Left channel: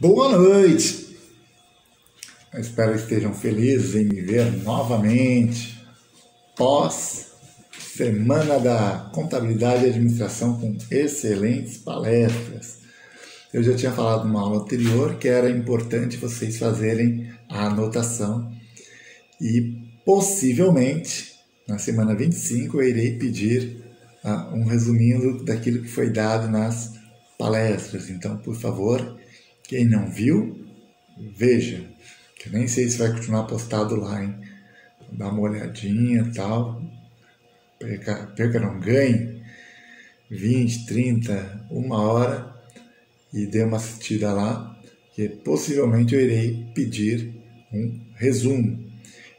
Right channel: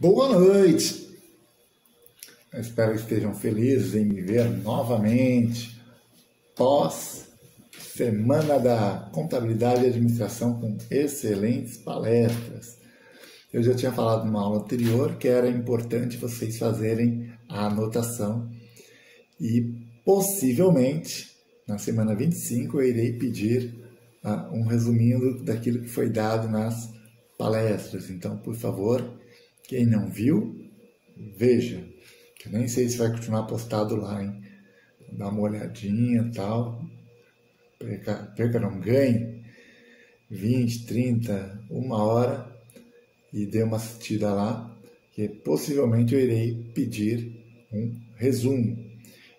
Boa noite! Eu espero que estejam felizes em me ver novamente pós Semana da Contabilidade e Administração com excelentes palestras. Eu já tinha falado numa aula anterior que era importante vocês fazerem a anotação e possivelmente na semana 25 eu irei pedir um resuminho daquilo que foi dado nas palestras. Então, por favor, quem não viu, veja. Eu nem sei se vai continuar postado lá, hein? Dá uma olhadinha e tal. Perca não ganhe 20, 30, uma hora e dê uma assistida lá, que possivelmente eu irei pedir um resumo.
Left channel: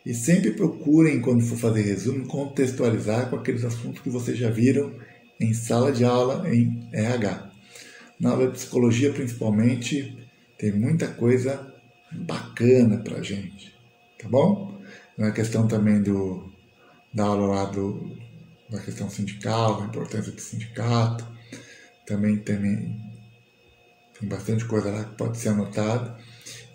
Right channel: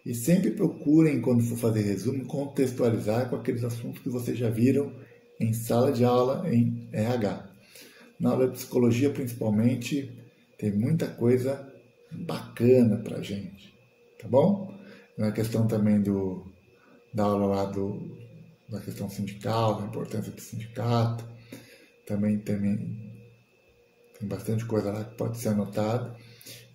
E sempre procurem, quando for fazer resumo, contextualizar com aqueles assuntos que vocês já viram em sala de aula em RH. Na aula de psicologia, principalmente, tem muita coisa bacana pra gente, tá bom? Na questão também da aula lá da questão sindical, da importância do sindicato, também tem bastante coisa lá que pode ser anotada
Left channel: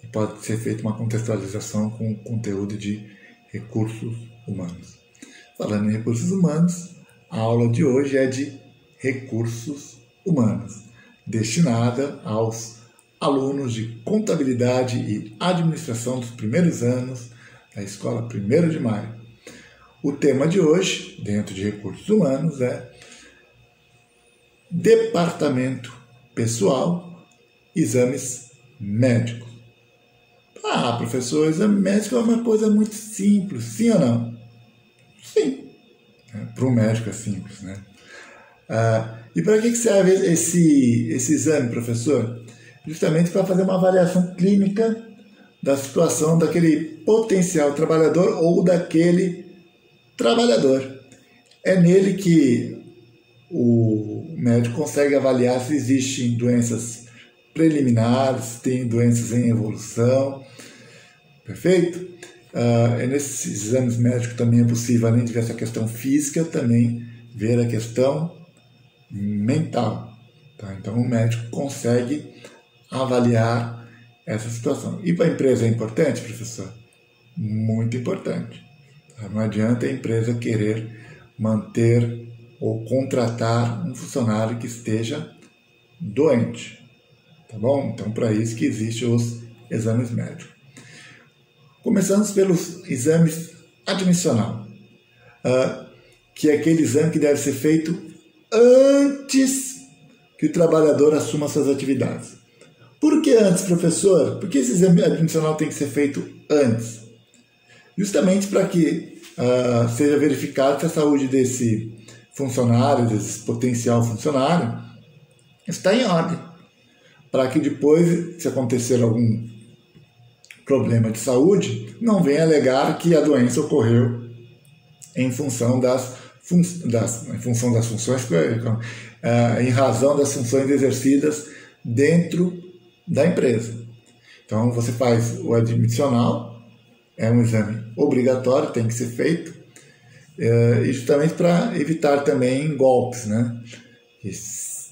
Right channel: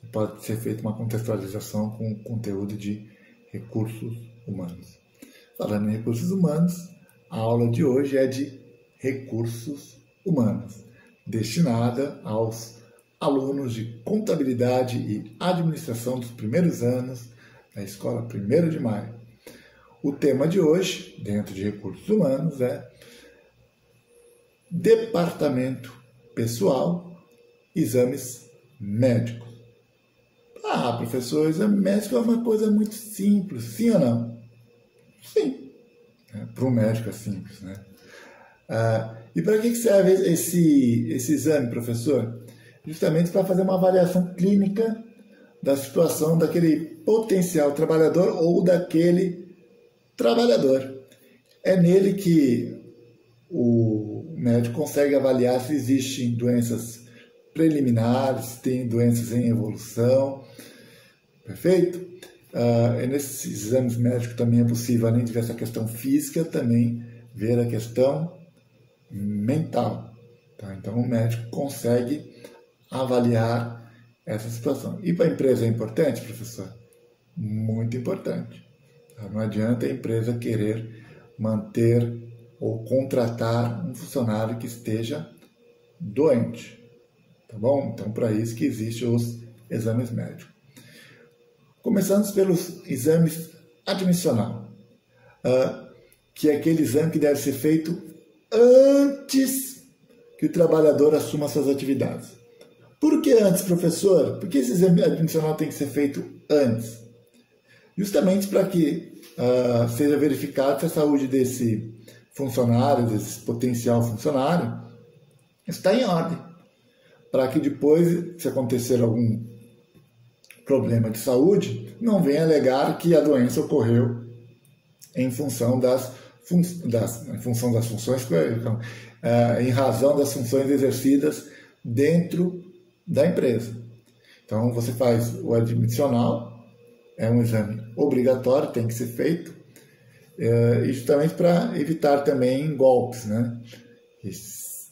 e pode ser feita uma contextualização com conteúdo de recursos humanos. Falando em recursos humanos, a aula de hoje é de recursos humanos, destinada aos alunos de contabilidade e administração dos primeiros anos da Escola 1º de Maio. O tema de hoje, dentro de recursos humanos, é departamento pessoal, exames médicos. Ah, professor, exame médico é uma coisa muito simples, sim ou não? Sim, para o médico é simples, né? E para que serve esse exame, professor? Justamente para fazer uma avaliação clínica da situação daquele potencial trabalhador ou daquele trabalhador. É nele que o médico consegue avaliar se existem doenças preliminares, se tem doenças em evolução. Perfeito? Nesses exames médicos também é possível, além de ver essa questão física, também ver a questão mental. Tá? Então o médico consegue avaliar essa situação. E para a empresa é importante, professor? Muito importante. Não adianta a empresa querer manter ou contratar um funcionário que esteja doente. Tá bom? Então, para isso que existem os exames médicos. Começamos pelos exames admissional, que é aquele exame que deve ser feito antes que o trabalhador assuma suas atividades. Por que antes, professor? Por que esse exame admissional tem que ser feito antes? Justamente para que seja verificado se a saúde desse funcionário, desse potencial funcionário, está em ordem. Para que depois, se acontecer algum problema de saúde, não venha alegar que a doença ocorreu em função das funções, em razão das funções exercidas dentro da empresa. Então, você faz o admissional, é um exame obrigatório, tem que ser feito, justamente para evitar também golpes, né?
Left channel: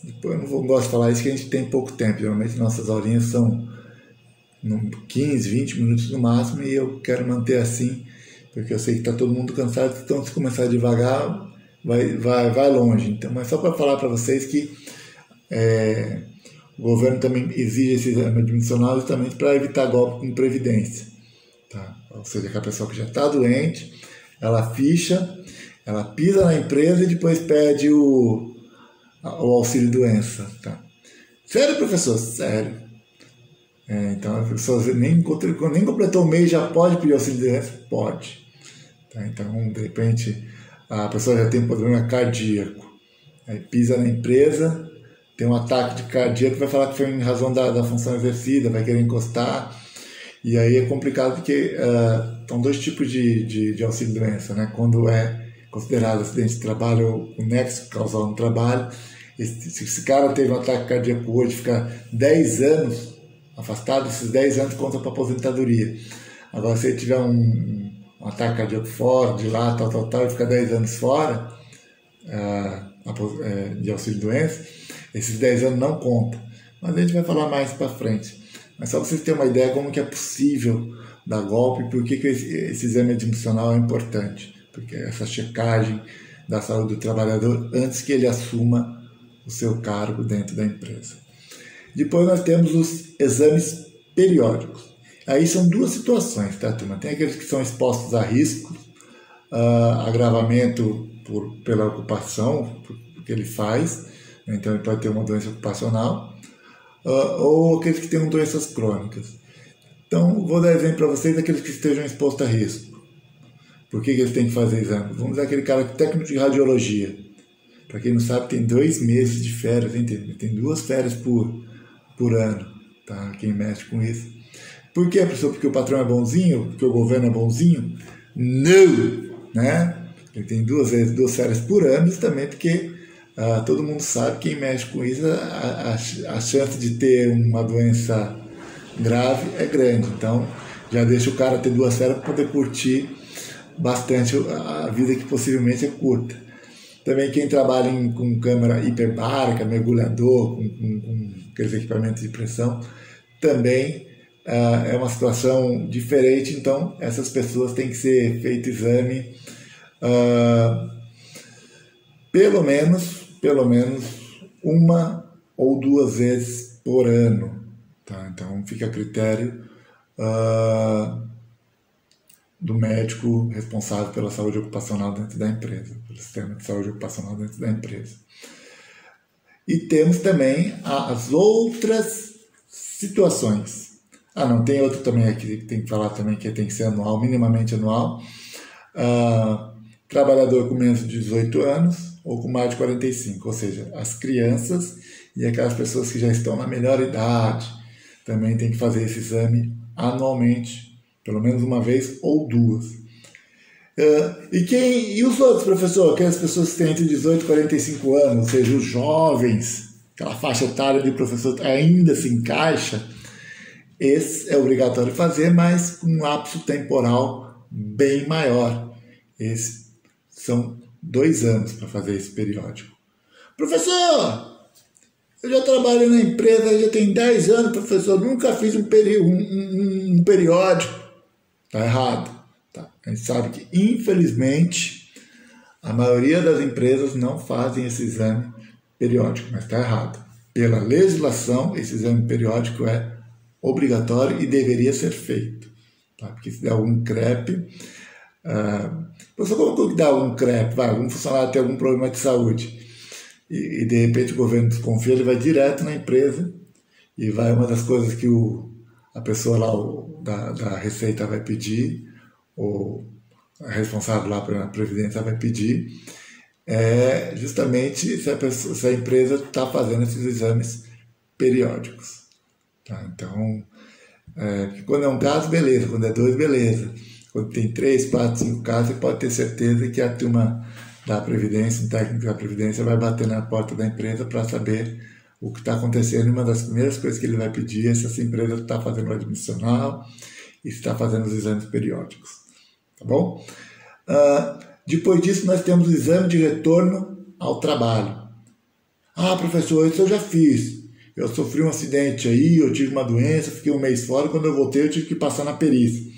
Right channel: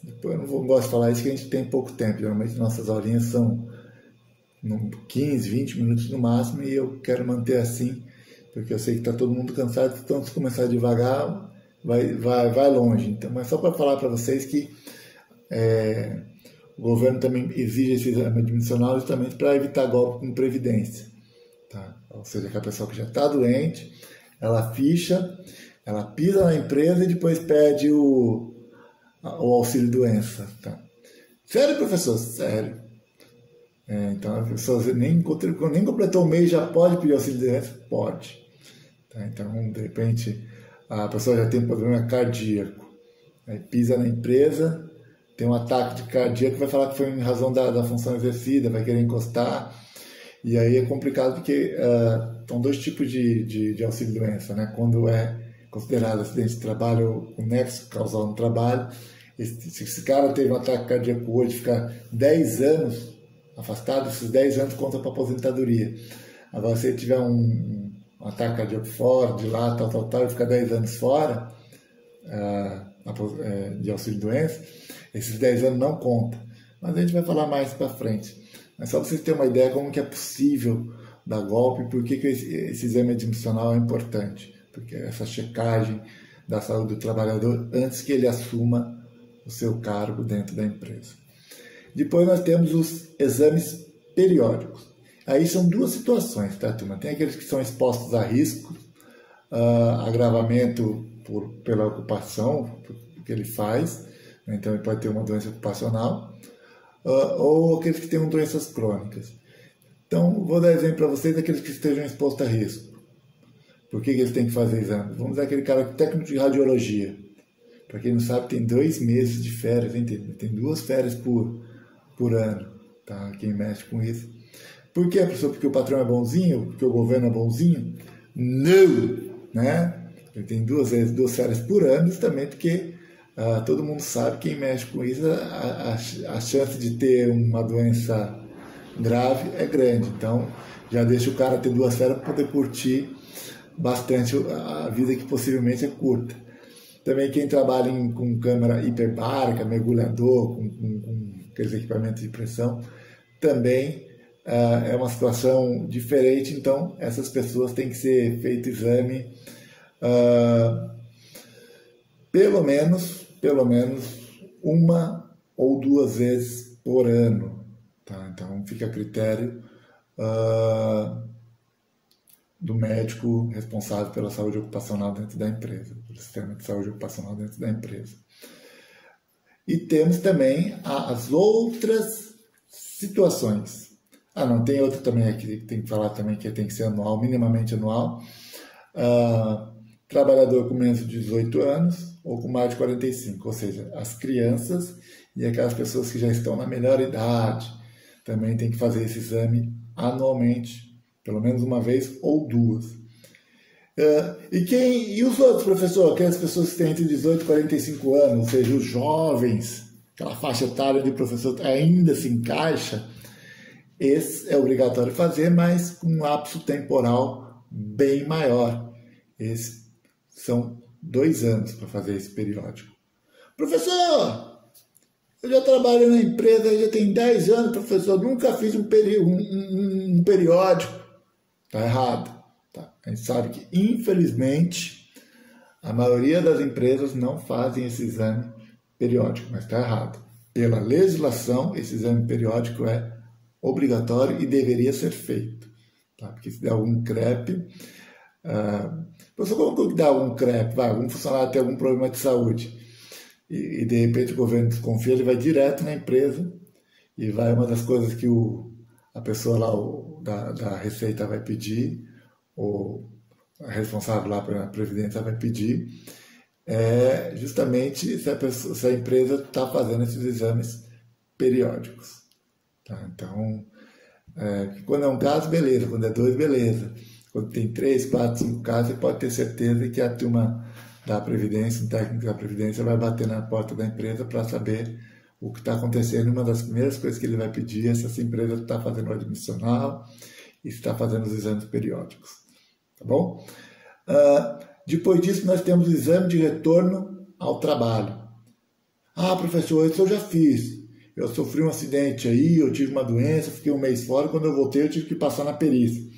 Depois eu não gosto de falar isso, que a gente tem pouco tempo. Geralmente nossas aulinhas são 15, 20 minutos no máximo e eu quero manter assim, porque eu sei que está todo mundo cansado, então se começar devagar, vai longe. Então, mas só para falar para vocês que o governo também exige esse exame admissional justamente para evitar golpe com previdência. Tá? Ou seja, que a pessoa que já está doente, ela ficha, ela pisa na empresa e depois pede o auxílio-doença. Tá? Sério, professor? Sério. Então, a pessoa nem completou o mês já pode pedir auxílio-doença? Pode. Tá? Então, de repente, a pessoa já tem problema cardíaco. Aí pisa na empresa, tem um ataque de cardíaco, vai falar que foi em razão da função exercida, vai querer encostar. E aí é complicado porque são dois tipos de auxílio-doença, né? Quando é considerado acidente de trabalho ou o nexo causal no trabalho, se esse cara teve um ataque cardíaco hoje, ficar 10 anos afastado, esses 10 anos conta para aposentadoria. Agora, se ele tiver um ataque cardíaco fora, de lá, tal, e ficar 10 anos fora de auxílio-doença, esses 10 anos não contam. mas a gente vai falar mais para frente. Mas só vocês terem uma ideia como que é possível dar golpe e por que esse exame admissional é importante. Porque essa checagem da saúde do trabalhador antes que ele assuma o seu cargo dentro da empresa. Depois nós temos os exames periódicos. Aí são duas situações, tá, turma? Tem aqueles que são expostos a risco, agravamento pela ocupação, que ele faz, então ele pode ter uma doença ocupacional, ou aqueles que tenham doenças crônicas. Então, vou dar exemplo para vocês daqueles que estejam expostos a risco. Por que eles têm que fazer exame? Vamos dar aquele cara técnico de radiologia. Para quem não sabe, tem 2 meses de férias, entende? Tem 2 férias por ano, tá? Quem mexe com isso. Por quê, professor? Porque o patrão é bonzinho? Porque o governo é bonzinho? Não! Né? Ele tem 2 férias por ano, também porque todo mundo sabe, quem mexe com isso, a chance de ter uma doença grave é grande. Então, já deixa o cara ter 2 férias para poder curtir bastante a vida que possivelmente é curta. Também quem trabalha com câmara hiperbárica, mergulhador, com aqueles equipamentos de pressão, também é uma situação diferente. Então, essas pessoas têm que ser feito exame pelo menos 1 ou 2 vezes por ano. Tá? Então, fica a critério do médico responsável pela saúde ocupacional dentro da empresa, pelo sistema de saúde ocupacional dentro da empresa. E temos também as outras situações. Não, tem outro também aqui que tem que falar também, que tem que ser anual, minimamente anual. Trabalhador com menos de 18 anos ou com mais de 45, ou seja, as crianças e aquelas pessoas que já estão na melhor idade também tem que fazer esse exame anualmente, pelo menos 1 vez ou 2. E os outros, professor? Aquelas pessoas que têm entre 18 e 45 anos, ou seja, os jovens, aquela faixa etária de professor ainda se encaixa, esse é obrigatório fazer, mas com um lapso temporal bem maior. Esses são 2 anos para fazer esse periódico. Professor, eu já trabalho na empresa, já tem 10 anos, professor, nunca fiz um periódico. Está errado. Tá? A gente sabe que, infelizmente, a maioria das empresas não fazem esse exame periódico, mas está errado. Pela legislação, esse exame periódico é obrigatório e deveria ser feito. Tá? Porque se der algum CREP... Professor, como que dá algum CREP? Algum funcionário tem algum problema de saúde e de repente o governo desconfia, ele vai direto na empresa e vai, uma das coisas que a pessoa lá da Receita vai pedir, ou a responsável lá pela Previdência vai pedir, é justamente se a empresa está fazendo esses exames periódicos. Tá? Então, quando é um caso, beleza. Quando é 2, beleza. Quando tem 3, 4, 5 casos, você pode ter certeza que a turma da Previdência, um técnico da Previdência, vai bater na porta da empresa para saber o que está acontecendo. E uma das primeiras coisas que ele vai pedir é se essa empresa está fazendo o admissional e se está fazendo os exames periódicos. Tá bom? Depois disso, nós temos o exame de retorno ao trabalho. Professor, isso eu já fiz. Eu sofri um acidente aí, eu tive uma doença, fiquei 1 mês fora, quando eu voltei eu tive que passar na perícia.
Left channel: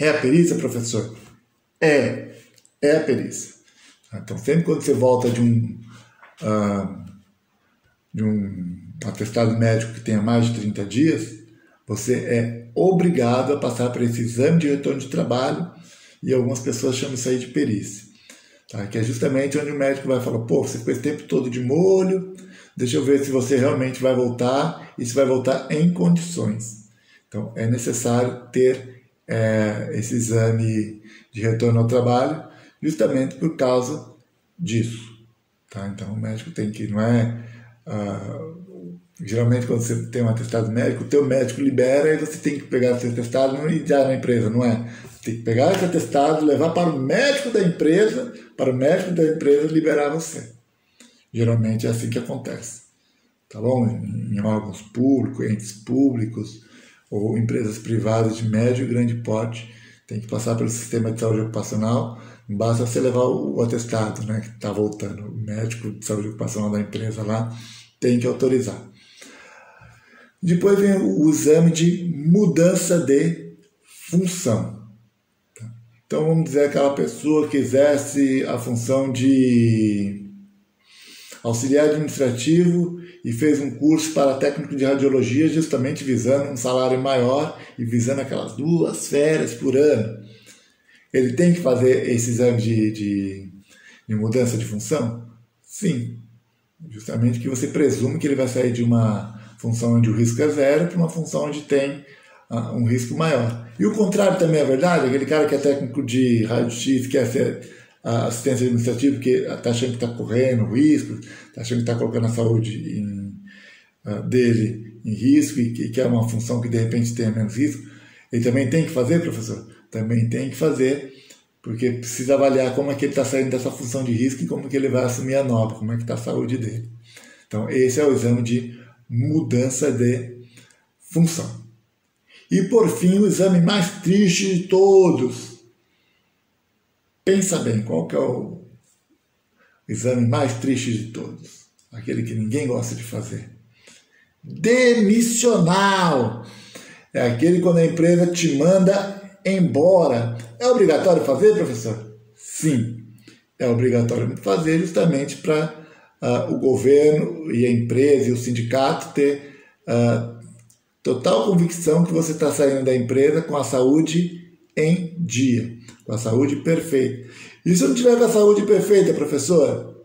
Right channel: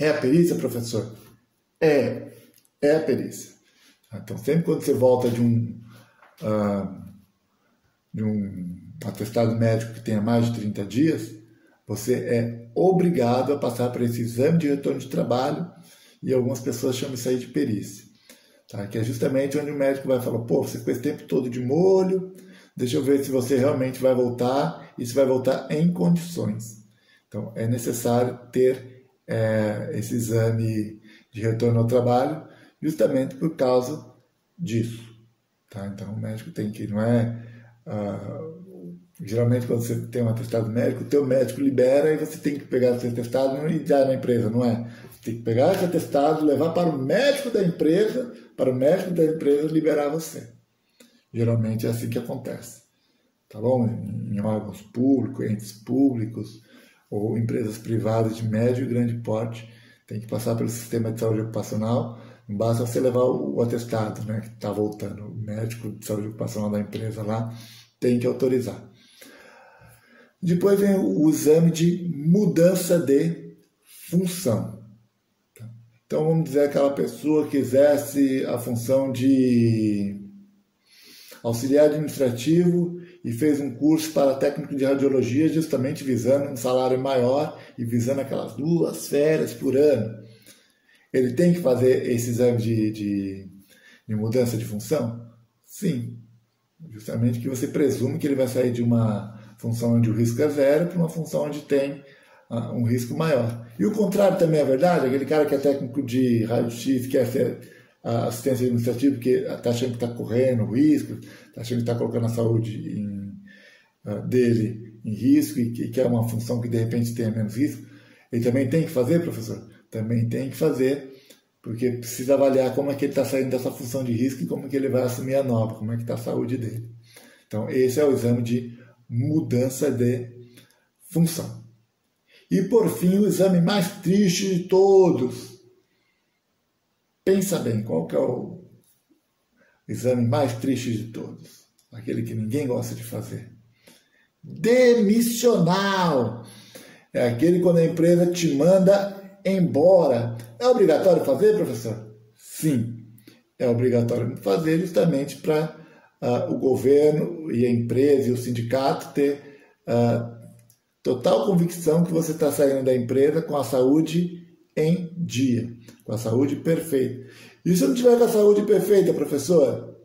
É a perícia, professor? É a perícia. Então, sempre quando você volta de um atestado médico que tenha mais de 30 dias, você é obrigado a passar por esse exame de retorno de trabalho, e algumas pessoas chamam isso aí de perícia. Tá? Que é justamente onde o médico vai falar, você ficou esse tempo todo de molho, deixa eu ver se você realmente vai voltar e se vai voltar em condições. Então, é necessário ter esse exame de retorno ao trabalho justamente por causa disso. Tá? Então, o médico tem que, não é... geralmente, quando você tem um atestado médico, o teu médico libera e você tem que pegar esse atestado e não ir já na empresa, não é? Você tem que pegar esse atestado, levar para o médico da empresa, liberar você. Geralmente é assim que acontece. Tá bom? Em órgãos públicos, entes públicos ou empresas privadas de médio e grande porte, tem que passar pelo sistema de saúde ocupacional. Não basta você levar o atestado, né, que está voltando. O médico de saúde ocupacional da empresa lá tem que autorizar. Depois vem o exame de mudança de função. Então vamos dizer aquela pessoa que exerce a função de auxiliar administrativo e fez um curso para técnico de radiologia justamente visando um salário maior e visando aquelas 2 férias por ano. Ele tem que fazer esse exame de mudança de função? Sim. Justamente que você presume que ele vai sair de uma função onde o risco é zero para uma função onde tem um risco maior. E o contrário também é verdade. Aquele cara que é técnico de raio-x, quer ser assistência administrativa, que está achando que está correndo risco, está achando que está colocando a saúde dele em risco e que é uma função que de repente tem menos risco, ele também tem que fazer, professor? Também tem que fazer, porque precisa avaliar como é que ele está saindo dessa função de risco e como que ele vai assumir a nova, como é que está a saúde dele. Então, esse é o exame de mudança de função. E, por fim, o exame mais triste de todos. Pensa bem, qual que é o exame mais triste de todos? Aquele que ninguém gosta de fazer. Demissional. É aquele quando a empresa te manda embora. É obrigatório fazer, professor? Sim, é obrigatório fazer justamente para o governo e a empresa e o sindicato ter total convicção que você está saindo da empresa com a saúde em dia, com a saúde perfeita. E se não tiver com a saúde perfeita, professor,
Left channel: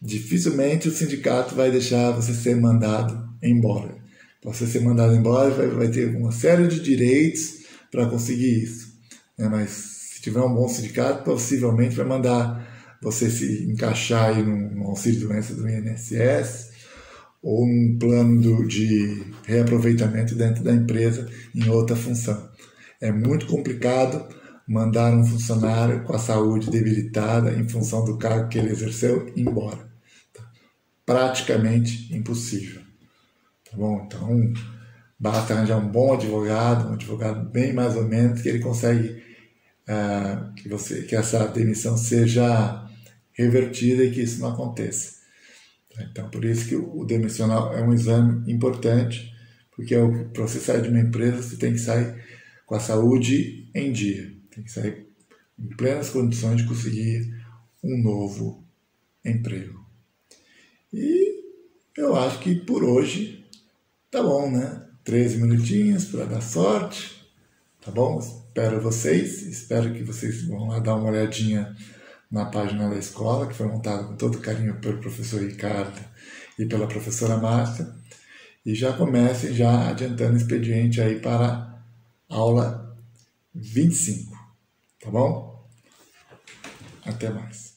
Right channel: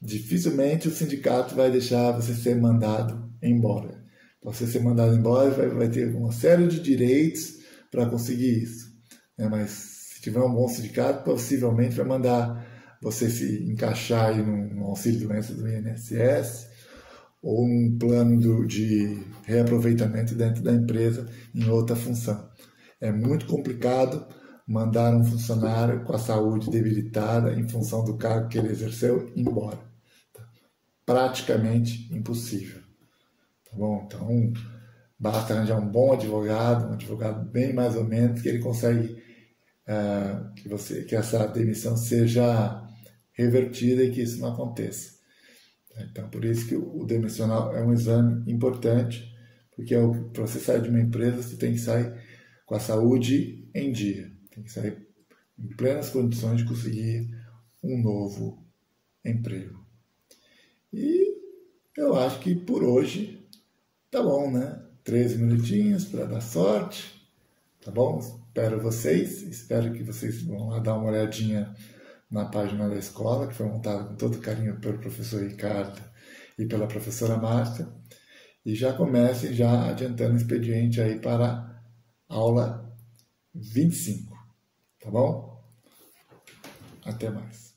dificilmente o sindicato vai deixar você ser mandado embora. Para você ser mandado embora, vai ter uma série de direitos para conseguir isso. Mas se tiver um bom sindicato, possivelmente vai mandar você se encaixar aí num auxílio-doença do INSS ou um plano de reaproveitamento dentro da empresa em outra função. É muito complicado mandar um funcionário com a saúde debilitada em função do cargo que ele exerceu embora. Praticamente impossível. Tá bom? Então, basta arranjar um bom advogado, um advogado bem mais ou menos, que ele consegue que essa demissão seja revertida e que isso não aconteça. Então, por isso que o demissional é um exame importante, porque para você sair de uma empresa, você tem que sair com a saúde em dia. Tem que sair em plenas condições de conseguir um novo emprego. E eu acho que por hoje tá bom, né? 13 minutinhos para dar sorte. Tá bom? Espero que vocês vão lá dar uma olhadinha na página da escola, que foi montada com todo carinho pelo professor Ricardo e pela professora Márcia, e já comecem já adiantando o expediente aí para a aula 25, tá bom? Até mais.